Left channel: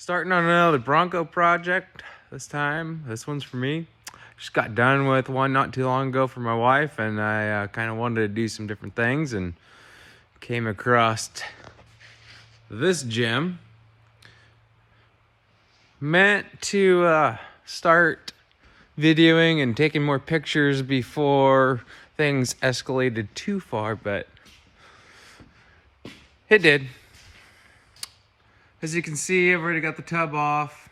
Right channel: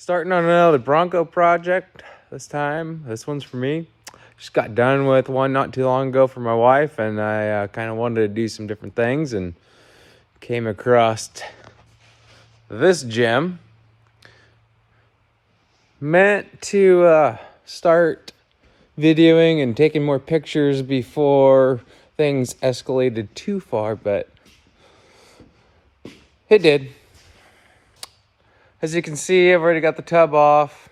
Starting on another bronco project this time. This one's for me. Just got done with one not too long ago for my wife, and I kind of wanted to do some different things and came across this gem. Meant to start videoing and taking more pictures before things escalated too far, but it did. As you can see, I've already got the tub off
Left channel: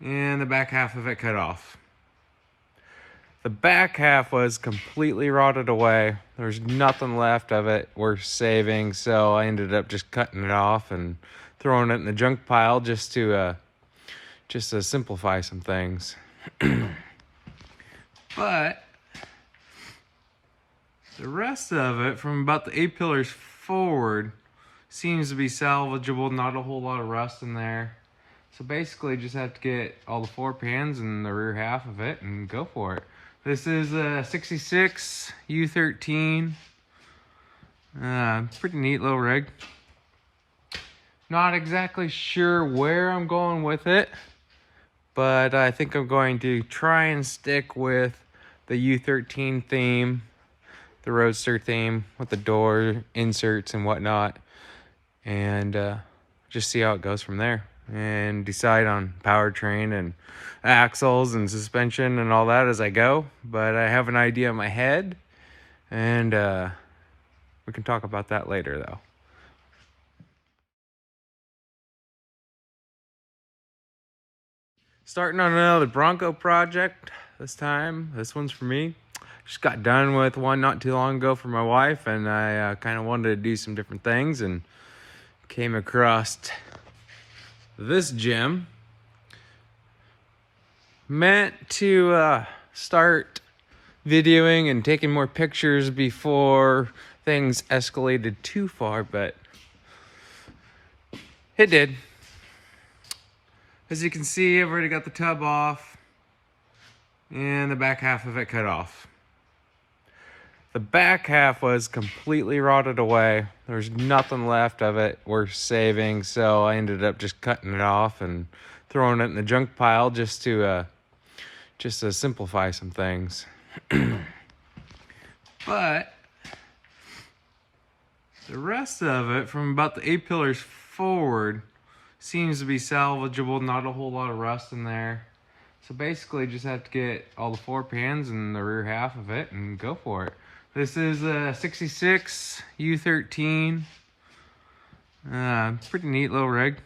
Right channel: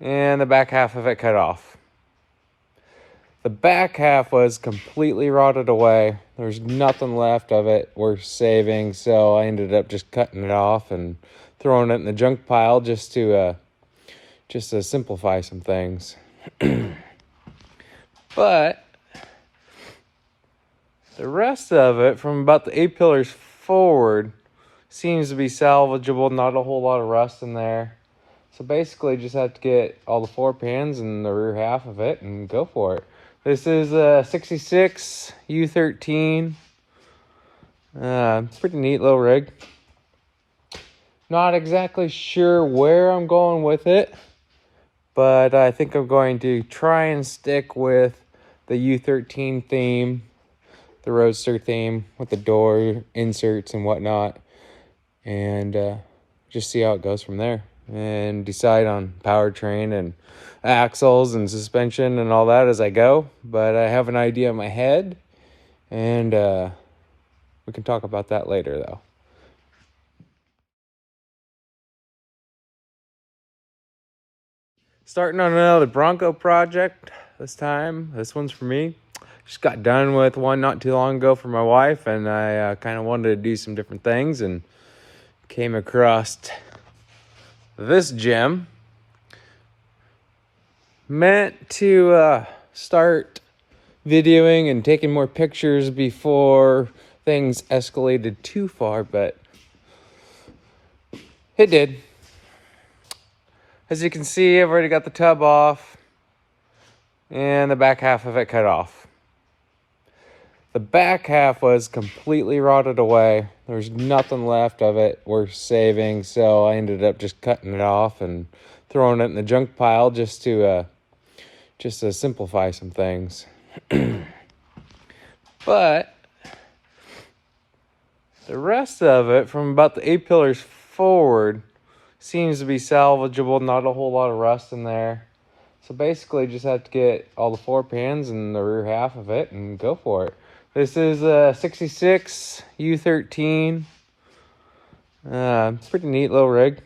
and the back half of it cut off. The back half was completely rotted away. There's nothing left of it worth saving, so I ended up just cutting it off and throwing it in the junk pile just to simplify some things. But the rest of it, from about the A-pillars forward, seems to be salvageable. Not a whole lot of rust in there. So basically just have to get all the floor pans and the rear half of it and go for it. This is a 66 U13. Pretty neat little rig. Not exactly sure where I'm going with it, but I think I'm going to try and stick with the U13 theme, the Roadster theme with the door inserts and whatnot, and just see how it goes from there and decide on powertrain and axles and suspension and all that as I go. But I have an idea in my head, and we can talk about that later though. Starting on another bronco project this time. This one's for me. Just got done with one not too long ago for my wife, and I kind of wanted to do some different things and came across this gem. Meant to start videoing and taking more pictures before things escalated too far, but it did. As you can see, I've already got the tub off and the back half of it cut off. The back half was completely rotted away. There's nothing left of it worth saving, so I ended up just cutting it off and throwing it in the junk pile just to simplify some things. But the rest of it, from about the A-pillars forward, seems to be salvageable. Not a whole lot of rust in there. So basically just have to get all the floor pans and the rear half of it and go for it. This is a 66 U13. Pretty neat little rig.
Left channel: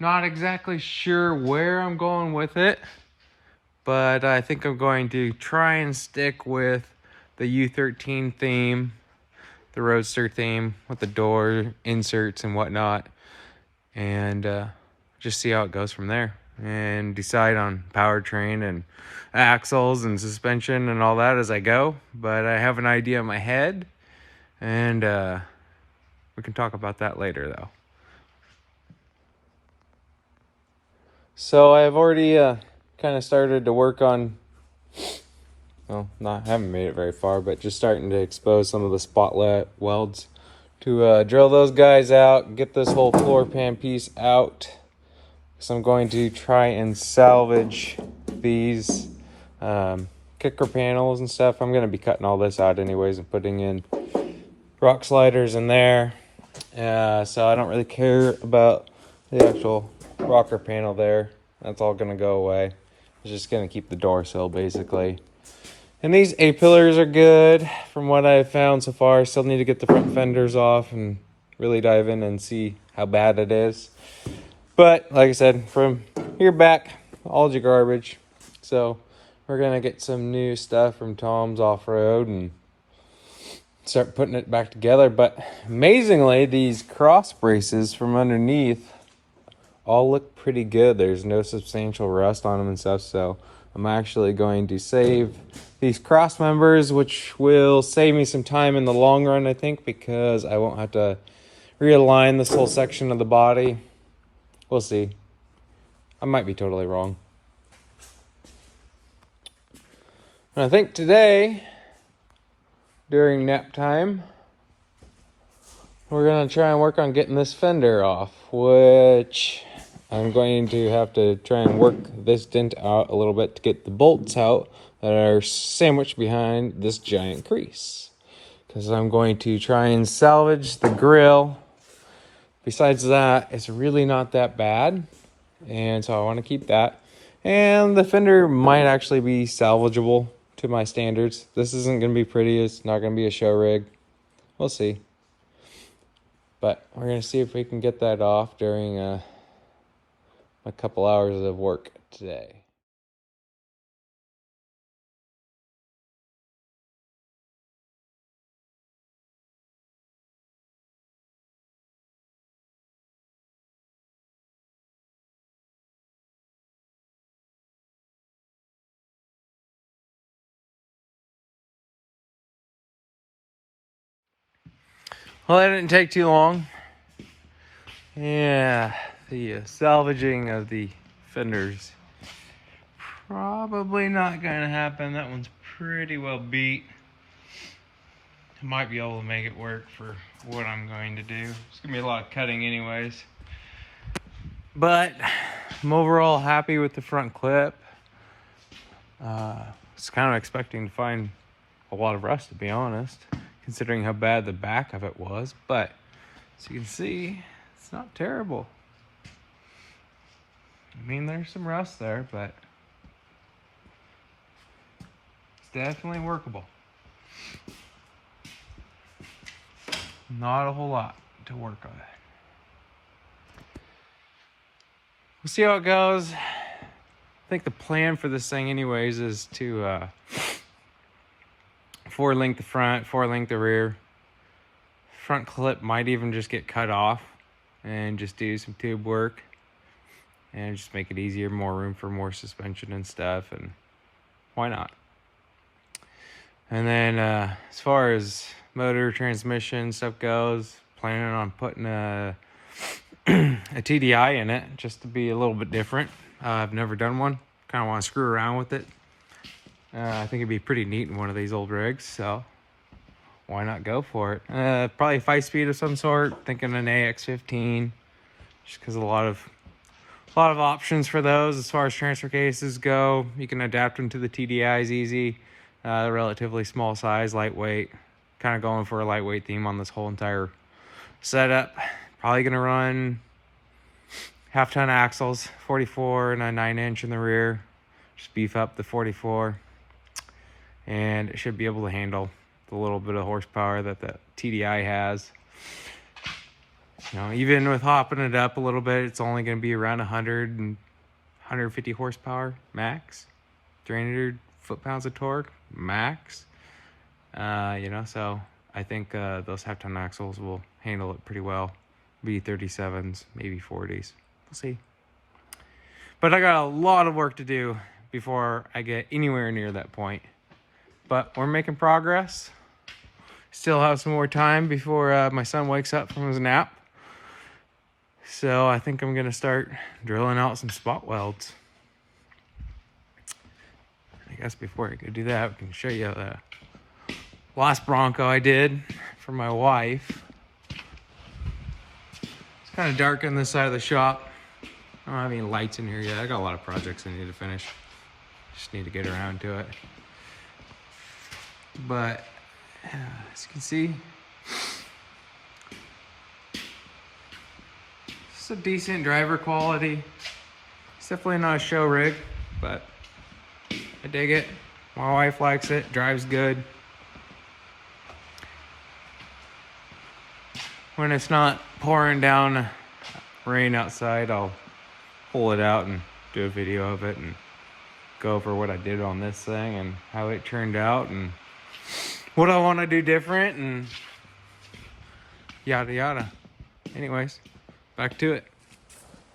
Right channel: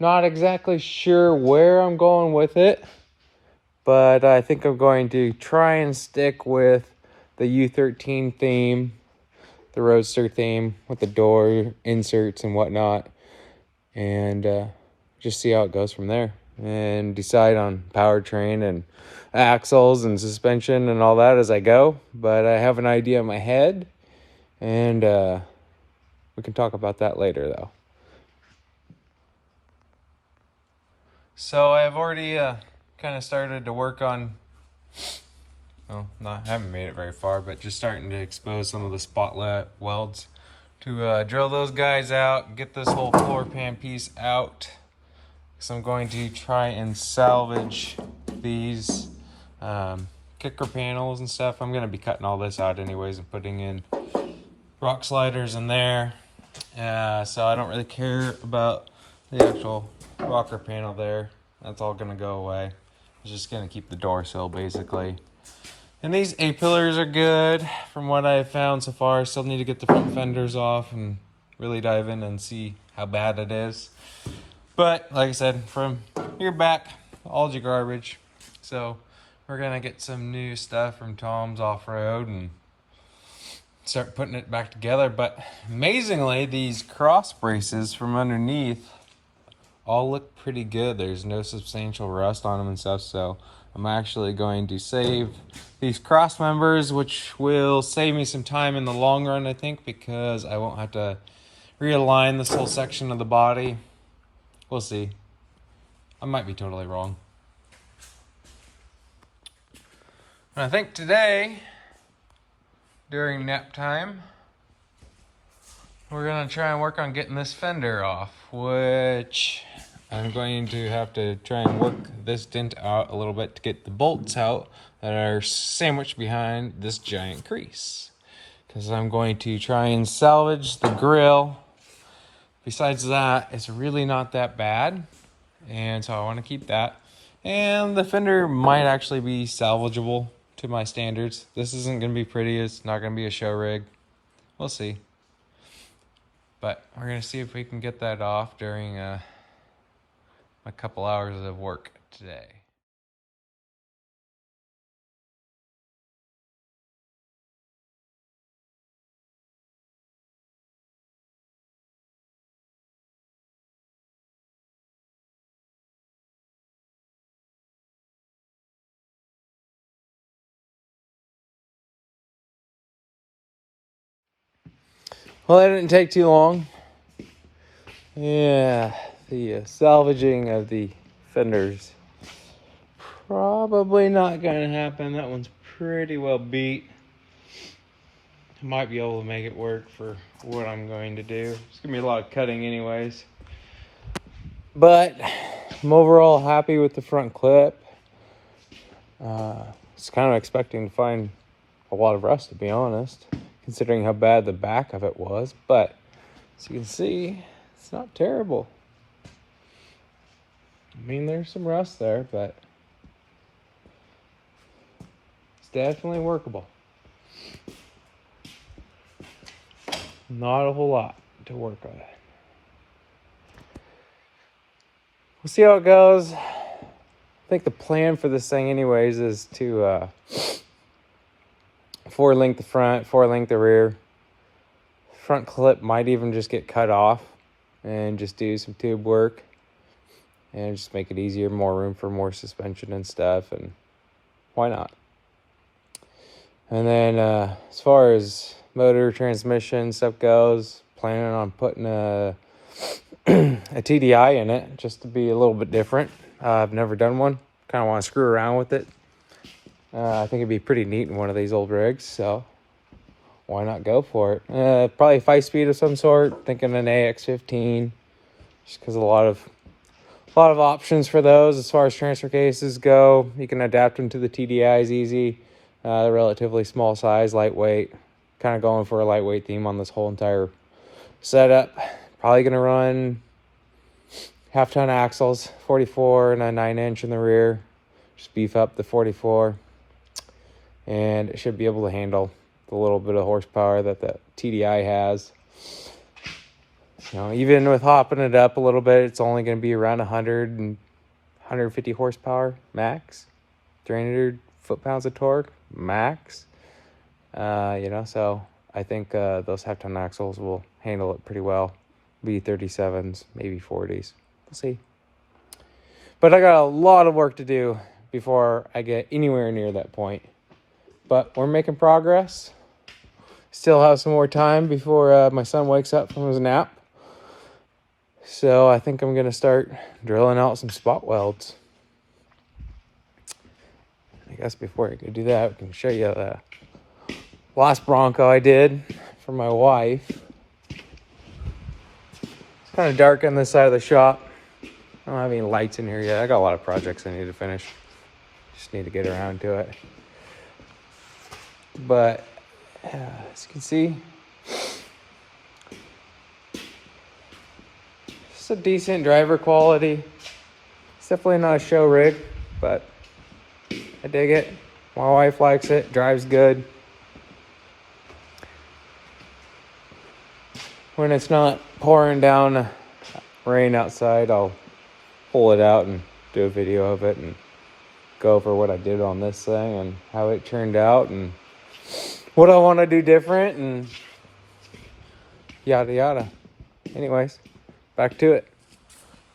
Not exactly sure where I'm going with it, but I think I'm going to try and stick with the U13 theme, the Roadster theme with the door inserts and whatnot, and just see how it goes from there and decide on powertrain and axles and suspension and all that as I go. But I have an idea in my head, and we can talk about that later though. So I've already kind of started to work on, well, haven't made it very far, but just starting to expose some of the spot welds to drill those guys out, get this whole floor pan piece out. So I'm going to try and salvage these kicker panels and stuff. I'm going to be cutting all this out anyways and putting in rock sliders in there. So I don't really care about the actual rocker panel there. That's all going to go away. I'm just going to keep the door sill basically. And these A-pillars are good from what I've found so far. Still need to get the front fenders off and really dive in and see how bad it is. But like I said, from here back, all's your garbage. So we're gonna get some new stuff from Tom's Off-Road and start putting it back together. But amazingly, these cross braces from underneath all look pretty good. There's no substantial rust on them and stuff. So I'm actually going to save these cross members, which will save me some time in the long run, I think, because I won't have to realign this whole section of the body. We'll see. I might be totally wrong. And I think today, during nap time, we're gonna try and work on getting this fender off, which I'm going to have to try and work this dent out a little bit to get the bolts out that are sandwiched behind this giant crease. Because I'm going to try and salvage the grill. Besides that, it's really not that bad. And so I want to keep that. And the fender might actually be salvageable to my standards. This isn't going to be pretty. It's not going to be a show rig. We'll see. But we're going to see if we can get that off during a couple hours of work today. Well, that didn't take too long. Yeah, the salvaging of the fenders. Probably not going to happen. That one's pretty well beat. I might be able to make it work for what I'm going to do. It's going to be a lot of cutting anyways. But I'm overall happy with the front clip. Was kind of expecting to find a lot of rust, to be honest, considering how bad the back of it was. But as you can see, it's not terrible. I mean, there's some rust there, but it's definitely workable. Not a whole lot to work on. We'll see how it goes. I think the plan for this thing anyways is to 4-link the front, 4-link the rear. Front clip might even just get cut off and just do some tube work and just make it easier, more room for more suspension and stuff, and why not? And then as far as motor, transmission stuff goes, planning on putting a TDI in it just to be a little bit different. I've never done one. Kind of want to screw around with it. I think it'd be pretty neat in one of these old rigs, so why not go for it? Probably 5-speed of some sort. Thinking an AX15, just because a lot of options for those as far as transfer cases go. You can adapt them to the TDIs easy. They're relatively small size, lightweight. Kind of going for a lightweight theme on this whole entire setup. Probably gonna run half-ton axles, 44 and a 9-inch in the rear. Just beef up the 44, and it should be able to handle the little bit of horsepower that the TDI has. You know, even with hopping it up a little bit, it's only going to be around 100 and 150 horsepower max, 300 foot-pounds of torque max. You know, so I think those half-ton axles will handle it pretty well. Be 37s, maybe 40s. We'll see. But I got a lot of work to do before I get anywhere near that point. But we're making progress. Still have some more time before my son wakes up from his nap. So I think I'm going to start drilling out some spot welds. I guess before I could do that, I can show you the last bronco I did for my wife. It's kind of dark on this side of the shop. I don't have any lights in here yet. I got a lot of projects I need to finish. Just need to get around to it. But as you can see, it's a decent driver quality. It's definitely not a show rig, but I dig it. My wife likes it. Drives good. When it's not pouring down rain outside, I'll pull it out and do a video of it and go over what I did on this thing and how it turned out and what I want to do different and yada yada. Anyways, back to it.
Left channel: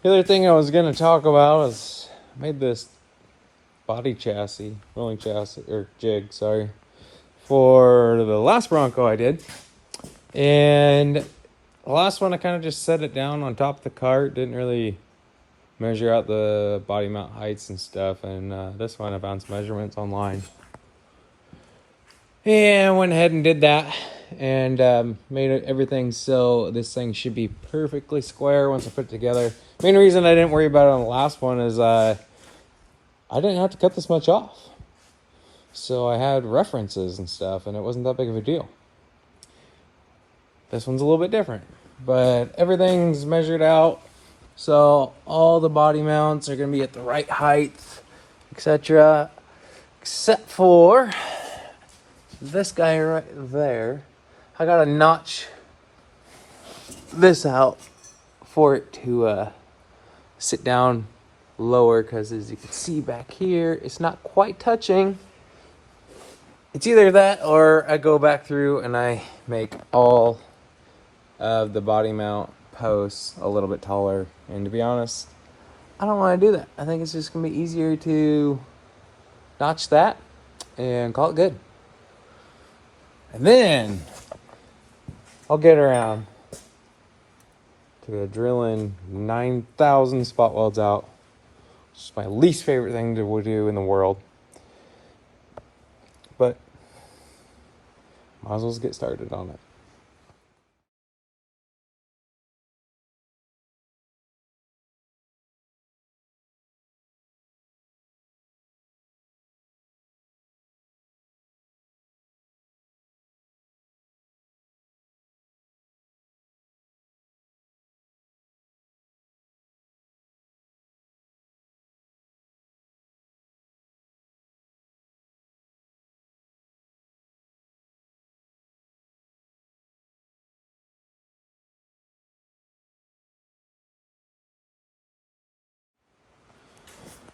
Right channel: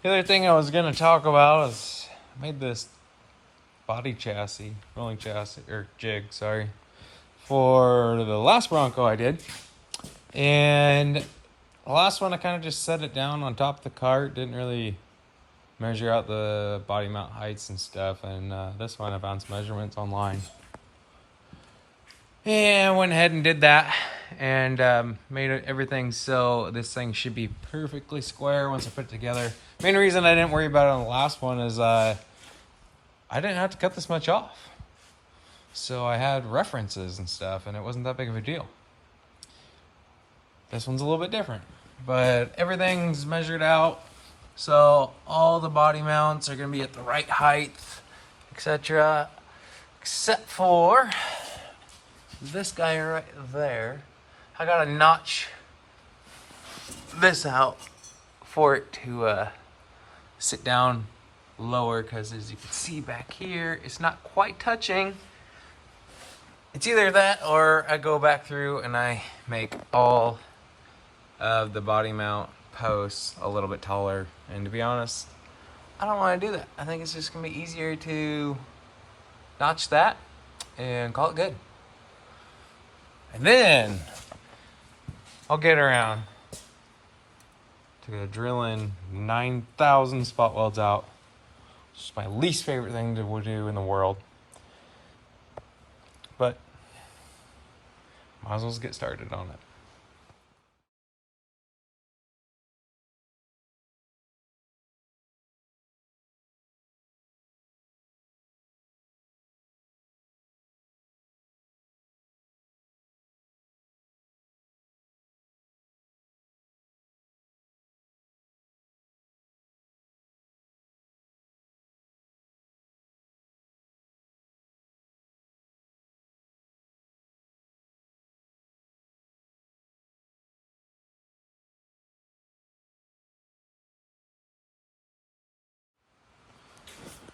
The other thing I was going to talk about is I made this body chassis, rolling chassis, or jig, sorry, for the last Bronco I did. And the last one I kind of just set it down on top of the cart, didn't really measure out the body mount heights and stuff. And this one I found some measurements online. And went ahead and did that. and made everything so this thing should be perfectly square once I put it together. Main reason I didn't worry about it on the last one is I didn't have to cut this much off. So I had references and stuff, and it wasn't that big of a deal. This one's a little bit different, but everything's measured out. So all the body mounts are gonna be at the right height, etc. Except for this guy right there. I gotta notch this out for it to sit down lower, because as you can see back here, it's not quite touching. It's either that or I go back through and I make all of the body mount posts a little bit taller. And to be honest, I don't want to do that. I think it's just gonna be easier to notch that and call it good. And then I'll get around to drilling 9,000 spot welds out. It's my least favorite thing to do in the world. But might as well get started on it.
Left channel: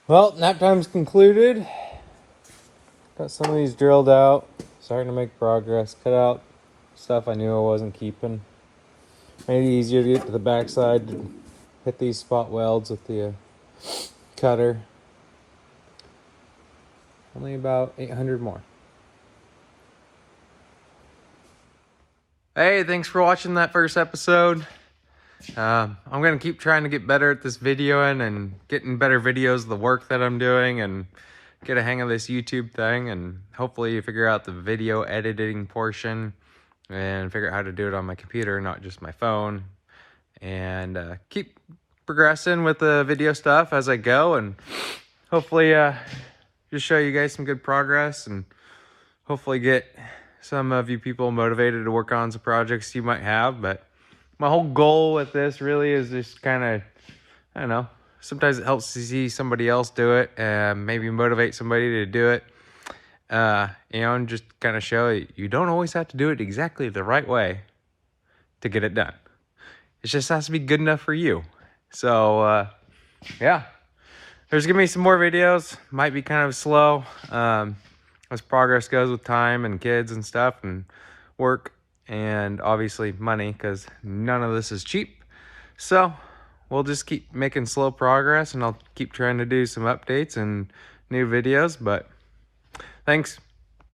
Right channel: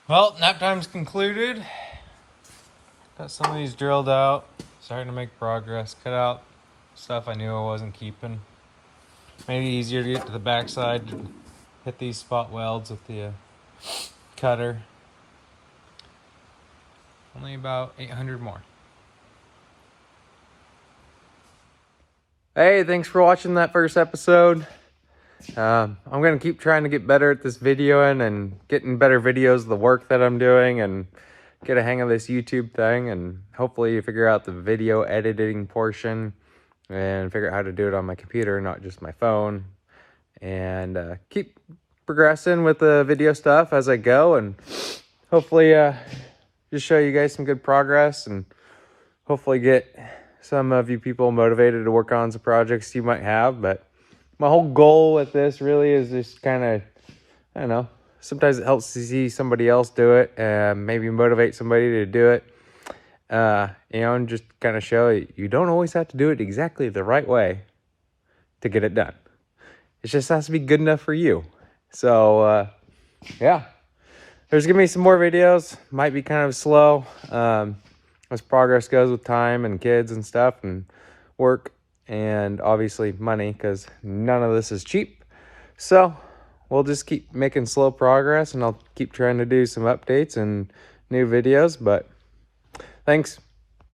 Well, nap time's concluded. Got some of these drilled out. Starting to make progress. Cut out stuff I knew I wasn't keeping. Made it easier to get to the backside. Hit these spot welds with the cutter. Only about 800 more. Hey, thanks for watching that first episode. I'm going to keep trying to get better at this videoing and getting better videos of the work that I'm doing and get a hang of this YouTube thing, and hopefully figure out the video editing portion and figure out how to do it on my computer, not just my phone, and keep progressing with the video stuff as I go, and hopefully just show you guys some good progress, and hopefully get some of you people motivated to work on some projects you might have. But my whole goal with this really is just kind of, I don't know, sometimes it helps to see somebody else do it and maybe motivate somebody to do it. You know, and just kind of show you don't always have to do it exactly the right way to get it done. It just has to be good enough for you. So, yeah, there's gonna be some more videos. Might be kind of slow as progress goes with time and kids and stuff and work. And obviously money, because none of this is cheap. So we'll just keep making slow progress, and I'll keep trying to do some updates and new videos. But thanks.